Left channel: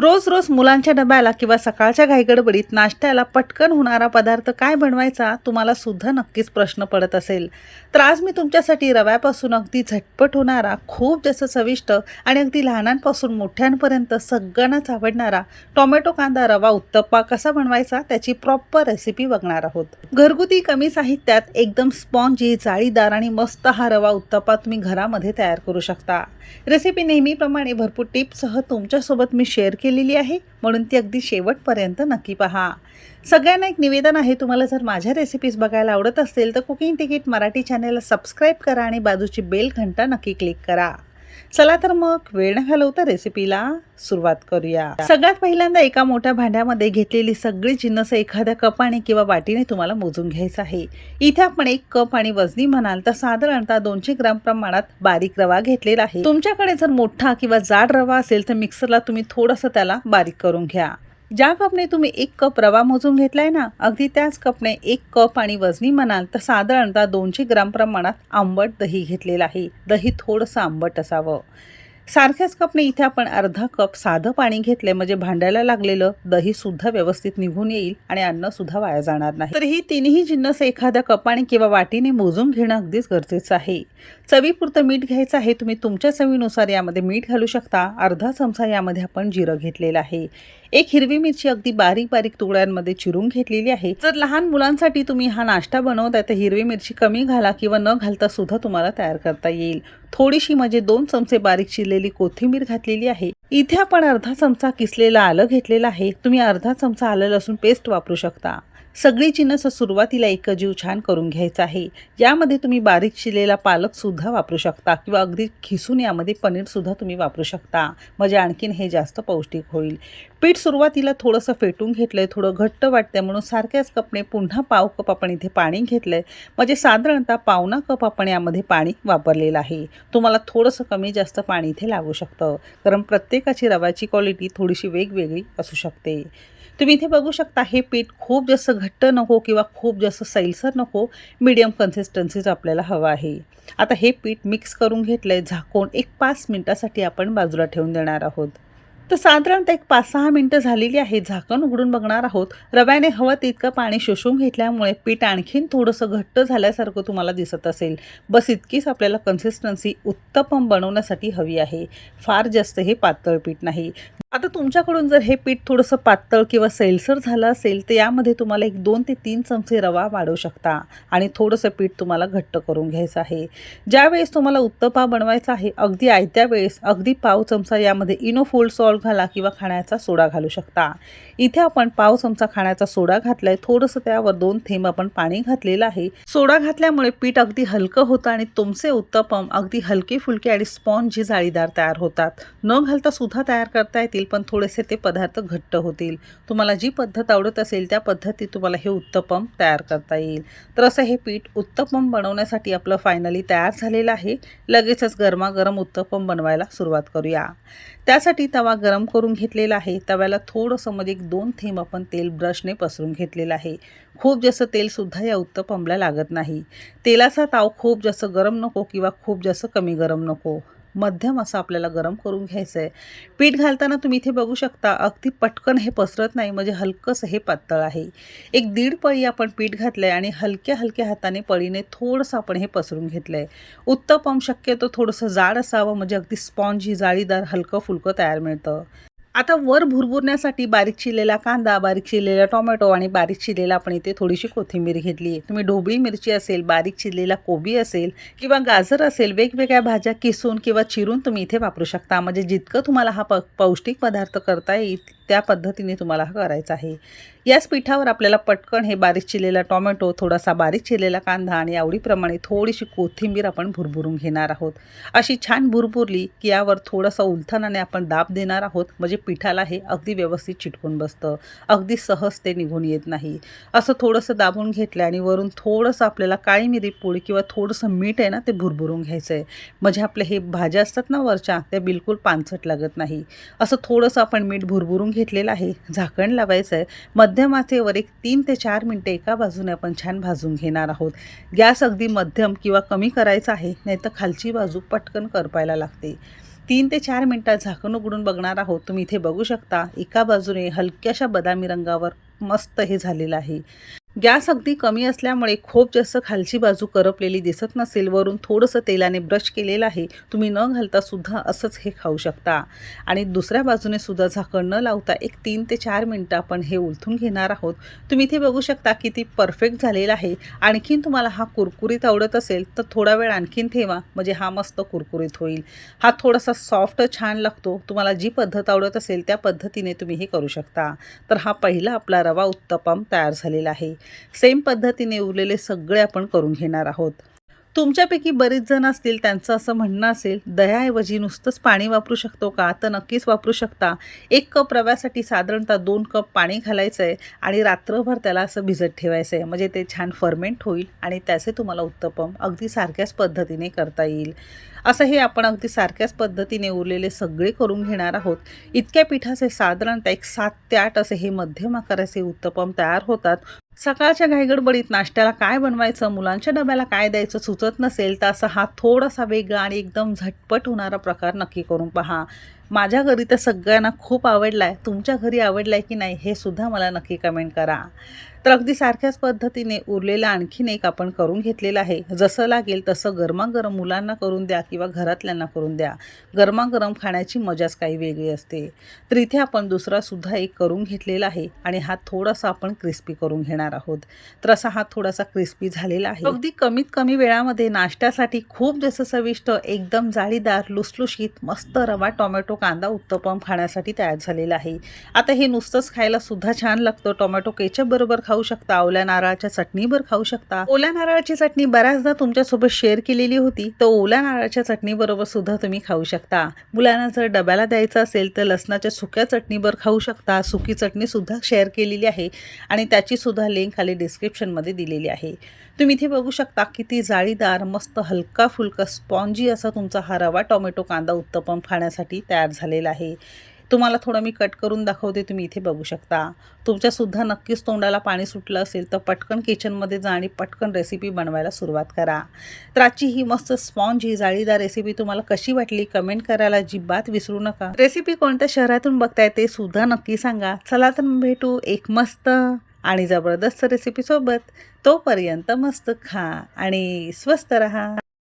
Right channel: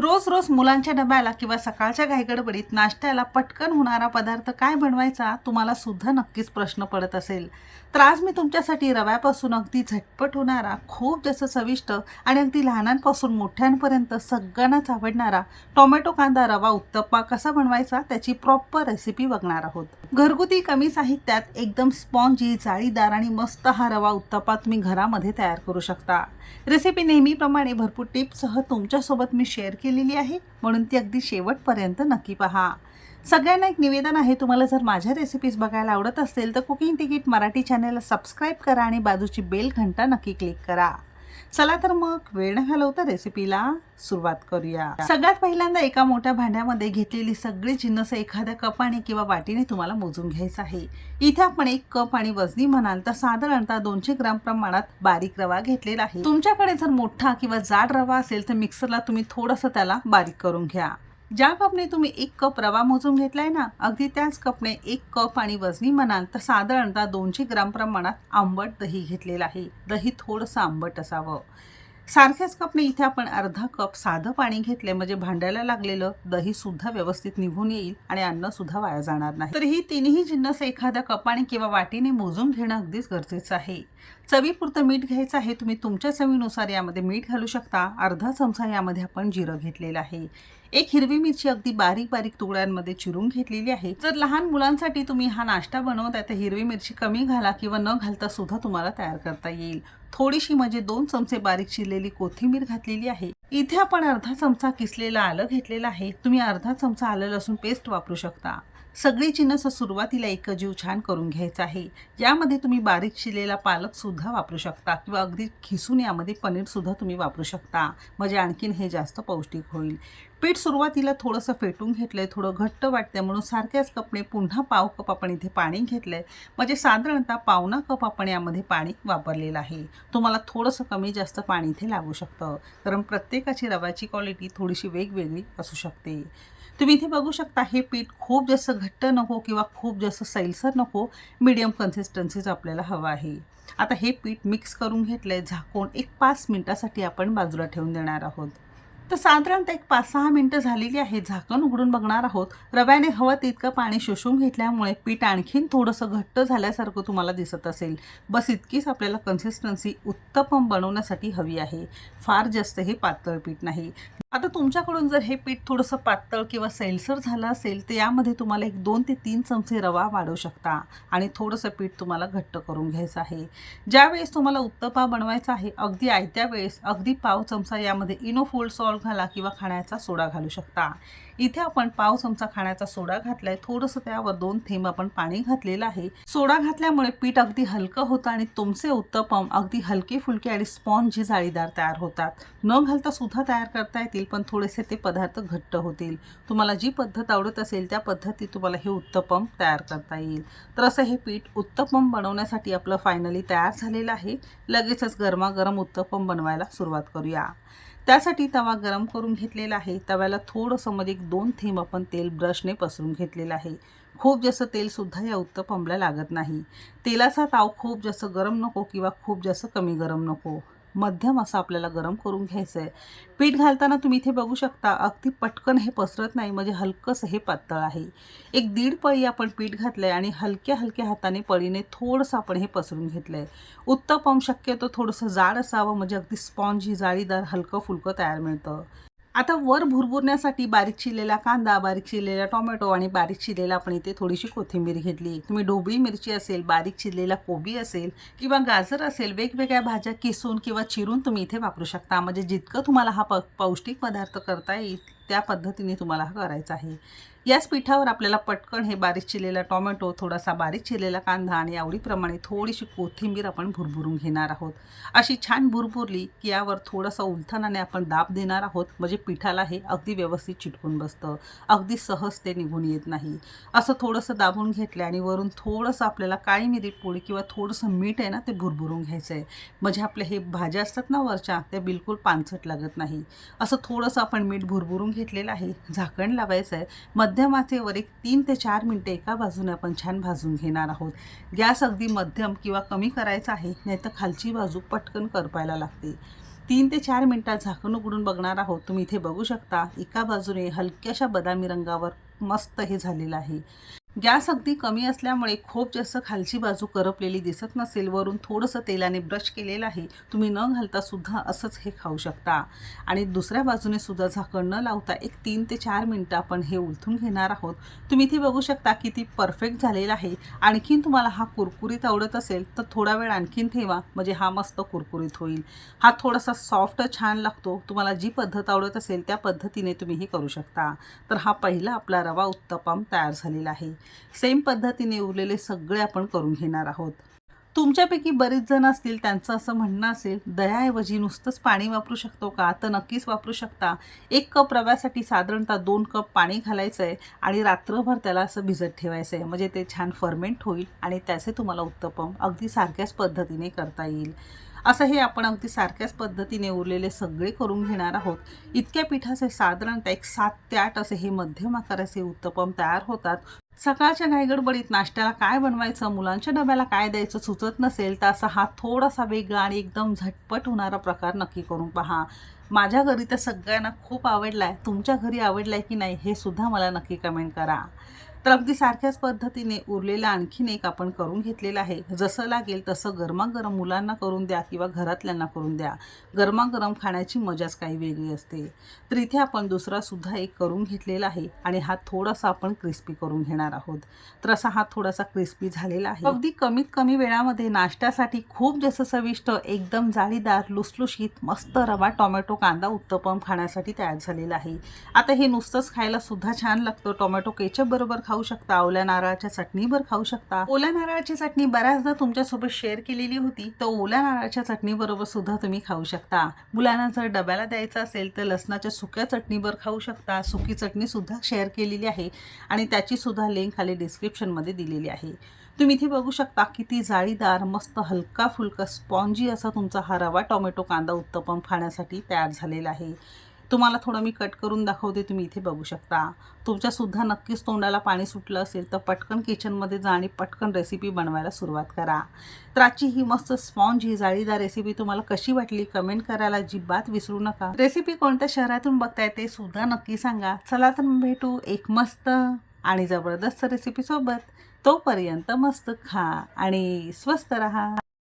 रोज रोज मुलांच्या डब्याला किंवा सकाळच्या घाईगडबडीत नाश्त्याला पटकन होणारा पदार्थ काय बनवायचा तुम्हाला सुद्धा नक्कीच प्रश्न पडत असेल. तर आज मी तुमच्यासाठी रव्यापासून अगदी झटपट होणारा खूप जास्त चविष्ट आणि अगदी लहानांपासून मोठ्यांपर्यंत सगळ्यांनाच आवडणारा टोमॅटो कांदा रवा उत्तप्पा कसा बनवायचा त्याची प्रॉपर रेसिपी बघणार आहोत. घरगुती कमी साहित्यात एकदम स्पॉन्जी जाळीदार आणि मस्त हा रवा उत्तप्पा तुम्ही घरामध्ये तयार करू शकता. रेसिपी नेहमीप्रमाणे भरपूर टिप्ससह तुमच्यासोबत मी शेअर केली केलेली आहे. म्हणून ती अगदी शेवटपर्यंत नक्की पहा. सगळ्यांना एक निवेदन आहे तुम्हाला जर माझ्या रेसिपीज बघायला आवडत असेल तर कुकिंग तिकीट मराठी चॅनेलला सबस्क्राईब करा आणि बाजूची बेल घंटा नक्की क्लिक करा. चला तर मग वेळ न घालवता रेसिपीला सुरुवात करूया. सगळ्यात पहिल्यांदा एका मोठ्या भांड्यामध्ये घेतलेली सगळी जिन्नस एखाद्या कपाने किंवा वाटीने तुम्हाला मोजून घ्यायचं आहे. इथे आपण एक कप आणि वजनी म्हणाल तर साधारणतः दोनशे ग्राम प्रमाणात बारीक रवा घेतलेला आहे. तुमच्याकडे जर मोठा किंवा जाड रवा असेल तर मिक्सरला तुम्ही थोडंसं त्याला बारीक करून घ्या. ज्या कपने तुम्ही एक कप रवा मोजून घेतलाय ना अगदी त्याच कपने एक कप आणि वजनी म्हणाल तर साधारणतः दोनशे ग्राम प्रमाणात आंबट दही घेतलेलं आहे. दही थोडंसं आंबट असावं. सारख्याच कपने इथे आपण अर्धा कप साधं पाणी घेतलंय म्हणजे भांड्याला लागलेलं दही सुद्धा व्यवस्थित निघून येईल आणि अन्न सुद्धा वाया जाणार नाही. तर ही तिन्ही जिन्नस एखाद्या कपाने किंवा वाटीने मोजून घेणं अगदीच गरजेचं आहे. चवीपुरतं मीठ घ्यायचं आहे तुम्ही तुमच्या चवीनुसार यामध्ये मीठ घालू शकता. अर्धा चमचा यामध्ये आपण जिरं घेतलेलं आहे. एक हिरवी मिरची अगदी बारीक बारीक तुकड्यांमध्ये चिरून घेतलेली आहे. जर लहान मुलांसाठी तुम्ही हा नाश्ता बनवताय तर हिरवी मिरची कमी घाला किंवा न घालता सुद्धा तुम्हाला तयार करता येईल. थोडीशी म्हणजे दोन चमचे बारीक चिरलेली कोथिंबीर घातलेली आहे. इथे आपण अर्धा चमचा किसलेला आलं घेतलेलं आहे. तुम्ही अर्धा चमचा आलं लसूण पेस्ट वापरू शकता. सगळी जिन्नस सुरुवातीला एकजीव छान करून घ्यायचा आहे. यामध्ये तुम्ही बारीक शिलेला पालकसुद्धा वापरू शकता किंवा अगदी खिसून यामध्ये पनीरसुद्धा तुम्ही वापरू शकता. म्हणजे आणखीन हे जास्त पौष्टिक होईल. पीठ सुरुवातीला थोडंसं फेटून घेतलं आहे थोडं घट्ट वाटतं म्हणून सारख्याच कपने पुन्हा पाव कप आपण इथे पाणी घेतलं आहे म्हणजे साधारणतः पावणा कप आपण यामध्ये पाणी वापरलेलं आहे. तुम्हाला थोडंसं कमी जास्त पाणी इथे लागू शकतं. कारण प्रत्येकाची रव्याची क्वालिटी थोडीशी वेगवेगळी असू शकते. तुम्ही इथे बघू शकता हे पीठ खूप जास्त घट्ट नको किंवा खूप जास्त सैलसर नको मीडियम कन्सिस्टन्सीज आपल्याला हवं आहे. आता हे पीठ मिक्स करून घेतलं आहे झाकून एक पाच मिनटासाठी आपण बाजूला ठेवून देणार आहोत. तर साधारणतः एक पाच सहा मिनटं झालेली आहे. झाकण उघडून बघणार आहोत. रव्याने हवं तितकं पाणी शोषून घेतल्यामुळे पीठ आणखीन थोडंसं घट्ट झाल्यासारखं तुम्हाला दिसत असेल. बस इतकीच आपल्याला कन्सिस्टन्सी उत्तपम बनवण्यासाठी हवी आहे. फार जास्त हे पातळ पीठ नाही. आता तुमच्याकडून जर हे पीठ थोडंसं पातळ किंवा सैलसर झालं असेल तर यामध्ये तुम्हाला एक दोन ते तीन चमचे रवा वाढवू शकता आणि थोडंसं पीठ तुम्हाला घट्ट करून घ्यायचं आहे. ज्यावेळेस तुम्हाला उत्तपा बनवायचा आहे अगदी आयत्या वेळेस अगदी पाव चमचा यामध्ये इनोफोल्ड सॉल्ट घाला किंवा खाण्याचा सोडा घालू शकता. इथे आपण पाव चमचा खाण्याचा सोडा घातलाय. थोडंसं त्यावर दोन थेंब आपण पाणी घातलेलं आहे. सोडा घातल्यामुळे पीठ अगदी हलकं होतं आणि तुमचे उत्तपम अगदी हलके फुलके आणि स्पॉन्जी जाळीदार तयार होतात. न घालता सुद्धा तयार करता येतील पण थोडेसे ते पदार्थ घट्ट होतील. तुम्हाला जी पद्धत आवडत असेल त्या पद्धतीत तुम्हाला हे उत्तपम तयार करता येईल. तर असं हे पीठ उत्तपम बनवण्यासाठी आपलं फायनली तयार झालेलं आहे. लगेचच गरमागरम उत्तपम बनवायला सुरुवात करूया. त्यासाठी तवा गरम करून घेतलेला आहे. तव्याला थोडंसं मध्ये एक दोन थेंब आपण तेल ब्रशने पसरून घेतलेलं आहे. खूप जास्त तेलसुद्धा या उत्तपमला लागत नाही. तेलाचा ताव खूप जास्त गरम नको किंवा खूप जास्त कमी गरम नको. मध्यम असं आपल्याला गरम करून घ्यायचं आहे पीठ घालताना तुम्ही इथे बघू शकता अगदी पटकन हे पसरत नाही म्हणजे हलकंसं हे पातळ आहे. एक दीड पळी आपण पीठ घातलं आहे आणि हलक्या हलक्या हाताने पळीने थोडंसं आपण हे पसरून घेतलं आहे उत्तपम शक्यतो थोडंसं जाड असावं म्हणजे अगदी स्पॉन्जी जाळीदार हलकं फुलकं तयार मिळतं. आता वर भुरभुरण्यासाठी बारीक चिरलेला कांदा बारीक चिरलेला टोमॅटो आणि बारीक चिरलेला आपण इथे थोडीशी कोथिंबीर घेतली. आहे तुम्ही ढोबळी मिरची असेल बारीक चिरलेला कोबी असेल किंवा गाजर असेल वेगवेगळ्या भाज्या किसून किंवा चिरून तुम्ही इथे वापरू शकता. म्हणजे जितकं तुम्हाला हा प पौष्टिक पदार्थ करता येईल त्या पद्धतीने तुम्हाला हा करायचा आहे. याच पिठावर आपल्याला पटकन हे बारीक चिरलेला टोमॅटो थोडासा बारीक चिरलेला कांदा आणि आवडीप्रमाणे थोडीशी कोथिंबीर आपण भुरभुरून घेणार आहोत. अशी छान भुरभुरली की यावर थोडंसं उलथनाने आपण दाब देणार आहोत. म्हणजे पिठाला हे अगदी व्यवस्थित चिटकून बसतं. अगदी सहज ते निघून येत नाही. असं थोडंसं दाबून घेतलं आणि वरून थोडंसं आपल्याला काळी मिरी पोळी किंवा थोडंसं मीठ आहे ना ते भुरभुरून घ्यायचं आहे. म्हणजे आपले हे भाज्या असतात ना वरच्या त्या बिलकुल पानसट लागत नाही. असं थोडंसं आपण मीठ भुरभुरून घेतलेलं आहे. झाकण लावायचं आहे. मध्यम आचेवर एक तीन ते चार मिनटं एका बाजूने आपण छान भाजून घेणार आहोत. गॅस अगदी मध्यम किंवा कमी करायचा आहे नाही तर खालची बाजू पटकन करपायला लागते. तीन ते चार मिनटात झाकण उघडून बघणार आहोत. तुम्ही इथे बघू शकता एका बाजूने हलक्याशा बदामी रंगावर मस्त हे झालेलं आहे. गॅस अगदी कमी असल्यामुळे खूप जास्त खालची बाजू करपलेली दिसत नसेल वरून थोडंसं तेलाने ब्रश केलेलं आहे तुम्ही न घालता सुद्धा असंच हे खाऊ शकता. आणि दुसऱ्या बाजूने सुद्धा झाकण न लावता एक तीन ते चार मिनटं आपण हे उलथून घेणार आहोत. तुम्ही इथे बघू शकता की ती परफेक्ट झालेला आहे. आणखीन तुम्हाला हा कुरकुरीत आवडत असेल तर थोडा वेळ आणखीन ठेवा म्हणजे हा मस्त कुरकुरीत होईल. हा थोडासा सॉफ्ट छान लागतो. तुम्हाला जी पद्धत आवडत असेल त्या पद्धतीने तुम्ही हे करू शकता. तर हा पहिला आपला रवा उत्तपम तयार झालेला आहे. सेम पद्धतीने उरलेले सगळे आपण करून घेणार आहोत. तुमच्यापैकी बरेच जण असतील त्यांचं असं म्हणणं असेल दह्याऐवजी नुसतंच पाणी वापरू शकतो का? तर नक्कीच वापरू शकता. एक कप रव्यासाठी साधारणतः दोन कप पाणी घालायचं आहे आणि रात्रभर त्याला असं भिजत ठेवायचं आहे म्हणजे ते छान फर्मेंट होईल आणि त्याचे तुम्हाला उत्तपम अगदी सारख्याच पद्धतीने करता येईल. असं हे आपण अगदी सारख्याच पद्धतीने उरलेले सगळे करून घेणार आहोत. इतक्या पिठाचे साधारणतः एक सात ते आठ असे हे मध्यम आकाराचे उत्तपम तयार होतात. सकाळच्या घाईगडबडीत नाश्त्याला काय बनवायचं मुलांच्या डब्याला काय द्यायचं सुचत नसेल तर असा हा थोडासा वेगळा आणि एकदम झटपट होणारा प्रकार नक्की करून पहा. माझ्या घरी तर सगळ्यांना खूप आवडला आहे तुमच्या घरी आवडला आहे की नाही हे सुद्धा मला नक्की कमेंट करा. तर अगदी सारख्याच पद्धतीने उरलेला आणखीन एक आपण करून घेतलेला आहे. जसं लागेल तसं गरमागरम मुलांना करून द्या किंवा घरातल्यांना करून द्या. गरमागरम खाण्याची मजाच काही वेगळी असते. तर इथे आपण दुसरा सुद्धा एक करून घेतलेला आहे आणि हा थोडासा आपण क्रिस्पी करून घेणार आहोत. तर असा हा थोडासा क्रिस्पी झालेला आहे. अगदी कमीत कमी वेळामध्ये नाश्त्यासाठी खूप जसं चविष्ट एकदम जाळीदार लुसलुशीत मस्त रवा टोमॅटो कांदा उत्तपम खाण्यासाठी तयार झालेला आहे. आता हे नुसतंच खायला सुद्धा छान लागतं. टोमॅटो केचप बरोबर खाऊ शकता ओल्या नारळाच्या चटणीवर खाऊ शकता. ओल्या नारळाची चटणी बऱ्याचदा तुमच्यासोबत शेअर केलेली होती. तर ओल्या नारळाच्या चटणीबरोबर सुद्धा तुम्ही खाऊ शकता. मुलांना जर डब्याला द्यायचं असेल तर लसणाच्या सुक्या चटणीवर खाऊ शकता. सुकी चटणी सुद्धा शेअर केलेली आहे आणि त्याची सुद्धा लिंक खाली डिस्क्रिप्शनमध्ये दिलेली आहे. तुम्ही इथे बघू शकता किती जाळीदार मस्त हलका फुलका स्पॉन्जी असा तुमचा हा रवा टोमॅटो कांदा उत्तपम खाण्यासाठी तयार झालेला आहे. तुम्हाला थोडं मी कट करून दाखवते तुम्ही इथे बघू शकता. तुमच्यासुद्धा नक्कीच तोंडाला पाणी सुटलं असेल तर पटकन किचनमध्ये जा आणि पटकन रेसिपी बनवायला सुरुवात करा. तर आजची ही मस्त स्पॉन्ज ही जाळीदार रेसिपी तुम्हाला कशी वाटली कमेंट करायला जिबात विसरू नका. रेसिपी कोणत्या शहरातून बघताय ते सुद्धा नक्की सांगा. चला तर भेटू एक मस्त आणि जबरदस्त रेसिपीसोबत तोपर्यंत मस्त खा आणि स्वस्त रहा.